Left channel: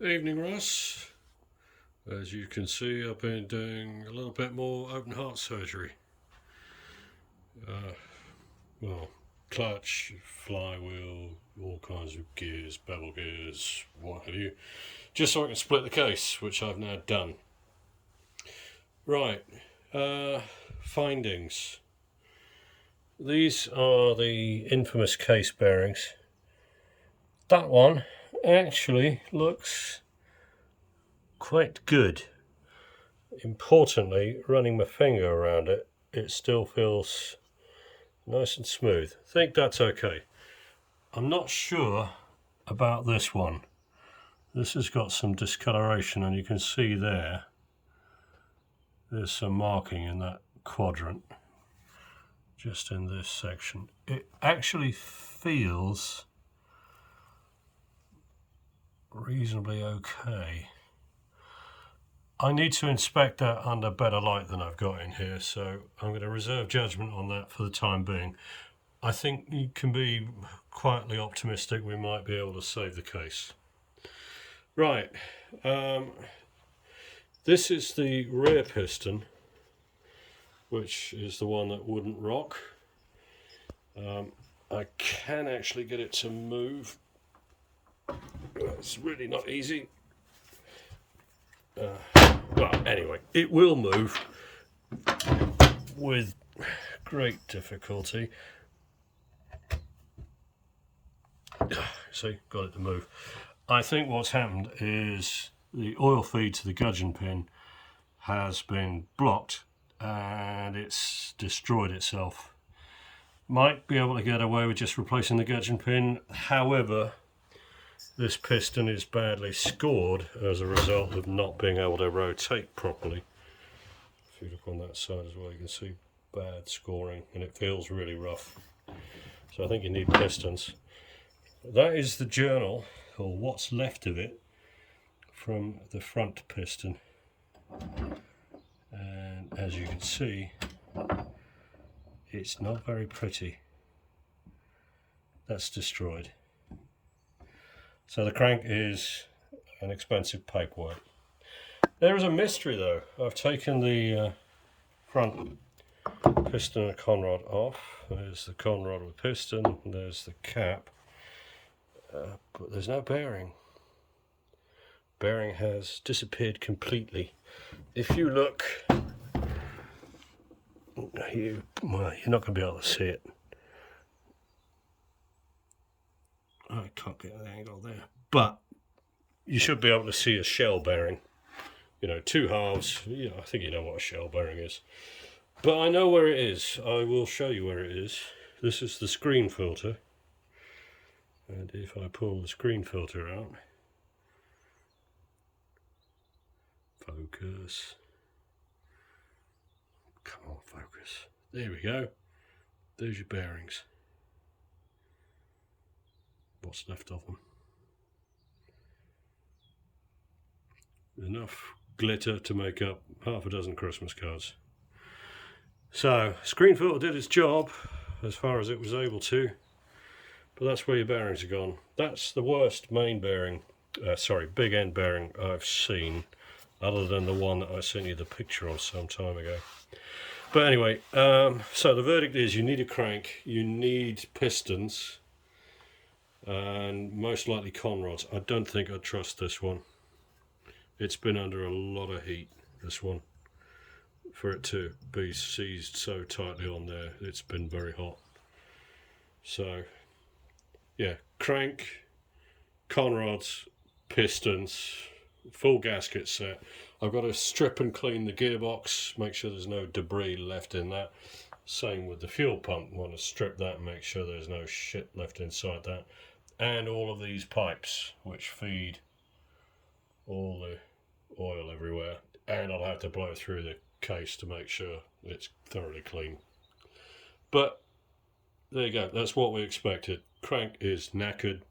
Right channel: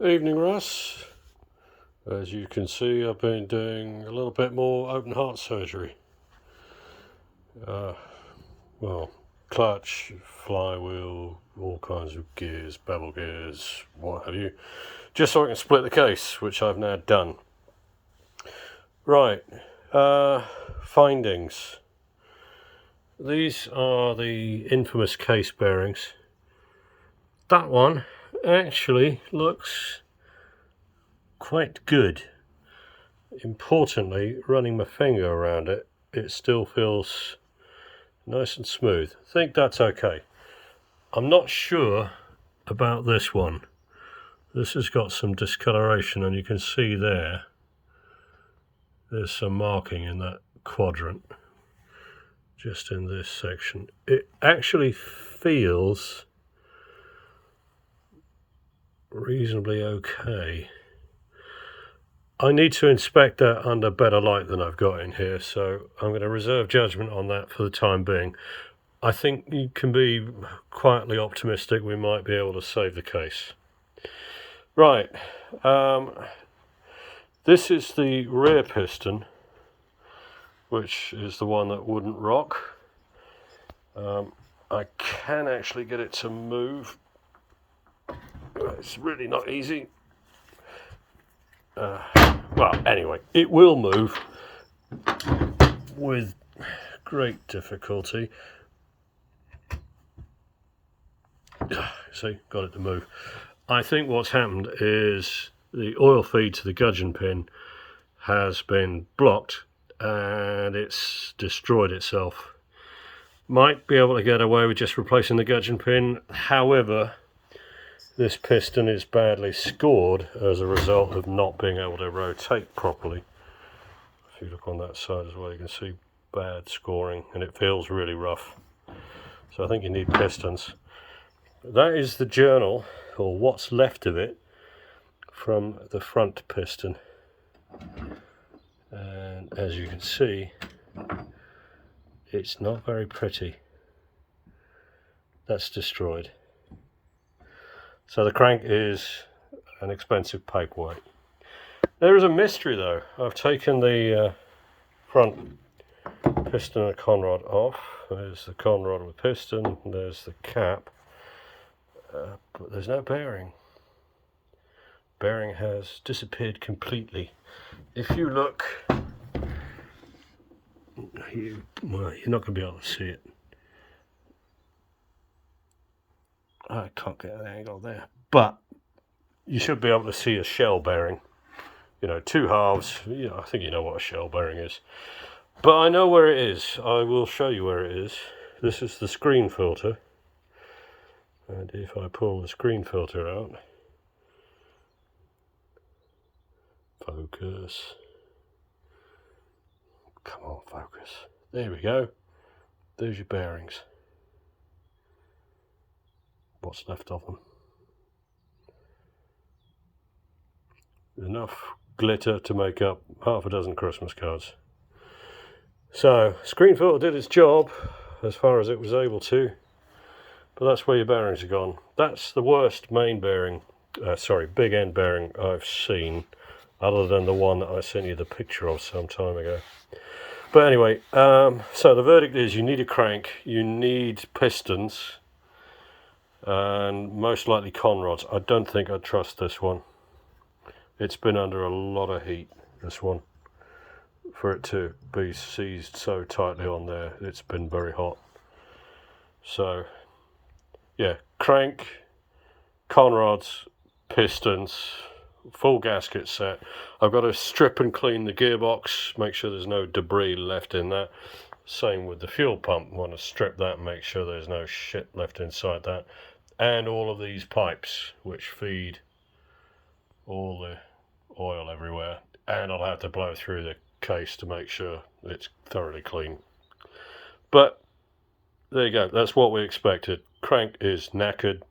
Evening, Russ. As you can see, I've been doing a little bit more open heart surgery. Well, clutch, flywheel, all kinds of gears, bevel gears, what have you, just so I can split the case, which I've now done. Right, findings. These are the infamous case bearings. That one actually looks quite good. Importantly, running my finger around it, it still feels nice and smooth. I think that's okay. I'm not sure about this one. This has got some discoloration, and you can see there's some marking in that quadrant, just in this section. It actually feels reasonably okay. I need to inspect that under better light than I've got in here, so I'm going to reserve judgment on that for the time being. I think you can be quietly optimistic we might be able to save the case. Right, this is the rear piston, which is the one that wouldn't rock. I can actually get it to move. It's really not easy. Well, anyway, it will move with great difficulty. See, got it to move. I think what's happened is the oil feed to the gudgeon pin has been blocked and it's destroyed itself. Might be able to get away with just replacing the gudgeon pin. However, this piston is badly scored as a result of not being able to rotate properly. If you look on that side as well, you can see bad scoring, and it feels really rough. So I think you need pistons. That is the journal, or what's left of it, from the front piston. And as you can see, it's not very pretty. That's destroyed. So the crank is an expensive paperweight. There is a mystery though. I've taken the front piston and conrod off. There's the conrod with piston, there's the cap, but there's no bearing. Bearing has disappeared completely. If you look, you're not going to be able to see it. I can't get an angle there, but you should be able to see a shell bearing. You know, two halves. You know, I think you know what a shell bearing is. But I know where it is. I will show you where it is. This is the screen filter. And if I pull the screen filter out, focus. Come on, focus. There we go. There's your bearings. What's left of them. Enough glitter to make up half a dozen Christmas cards. So, screen filter did its job as far as it was able to, but that's where your bearings are gone. That's the worst main bearing, big end bearing I've seen, other than the one that I sent you the picture of some time ago. But anyway, so the verdict is you need a crank, you need pistons, and most likely conrods. I don't think I'd trust this one. It's been under a lot of heat, this one, for it to be seized so tightly on there. It's been very hot. So yeah, crank, conrods, pistons, full gasket set. I've got to strip and clean the gearbox, make sure there's no debris left in that. Same with the fuel pump. Want to strip that and make sure there's no shit left inside that. And all of these pipes which feed all the oil everywhere. And I'll have to blow through the case to make sure it's thoroughly clean. But there you go. That's what we expected. Crank is knackered.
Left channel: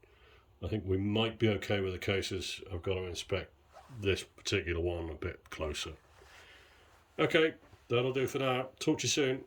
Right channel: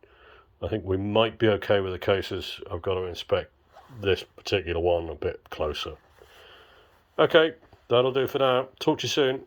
I think we might be okay with the cases. I've got to inspect this particular one a bit closer. Okay, that'll do for now. Talk to you soon.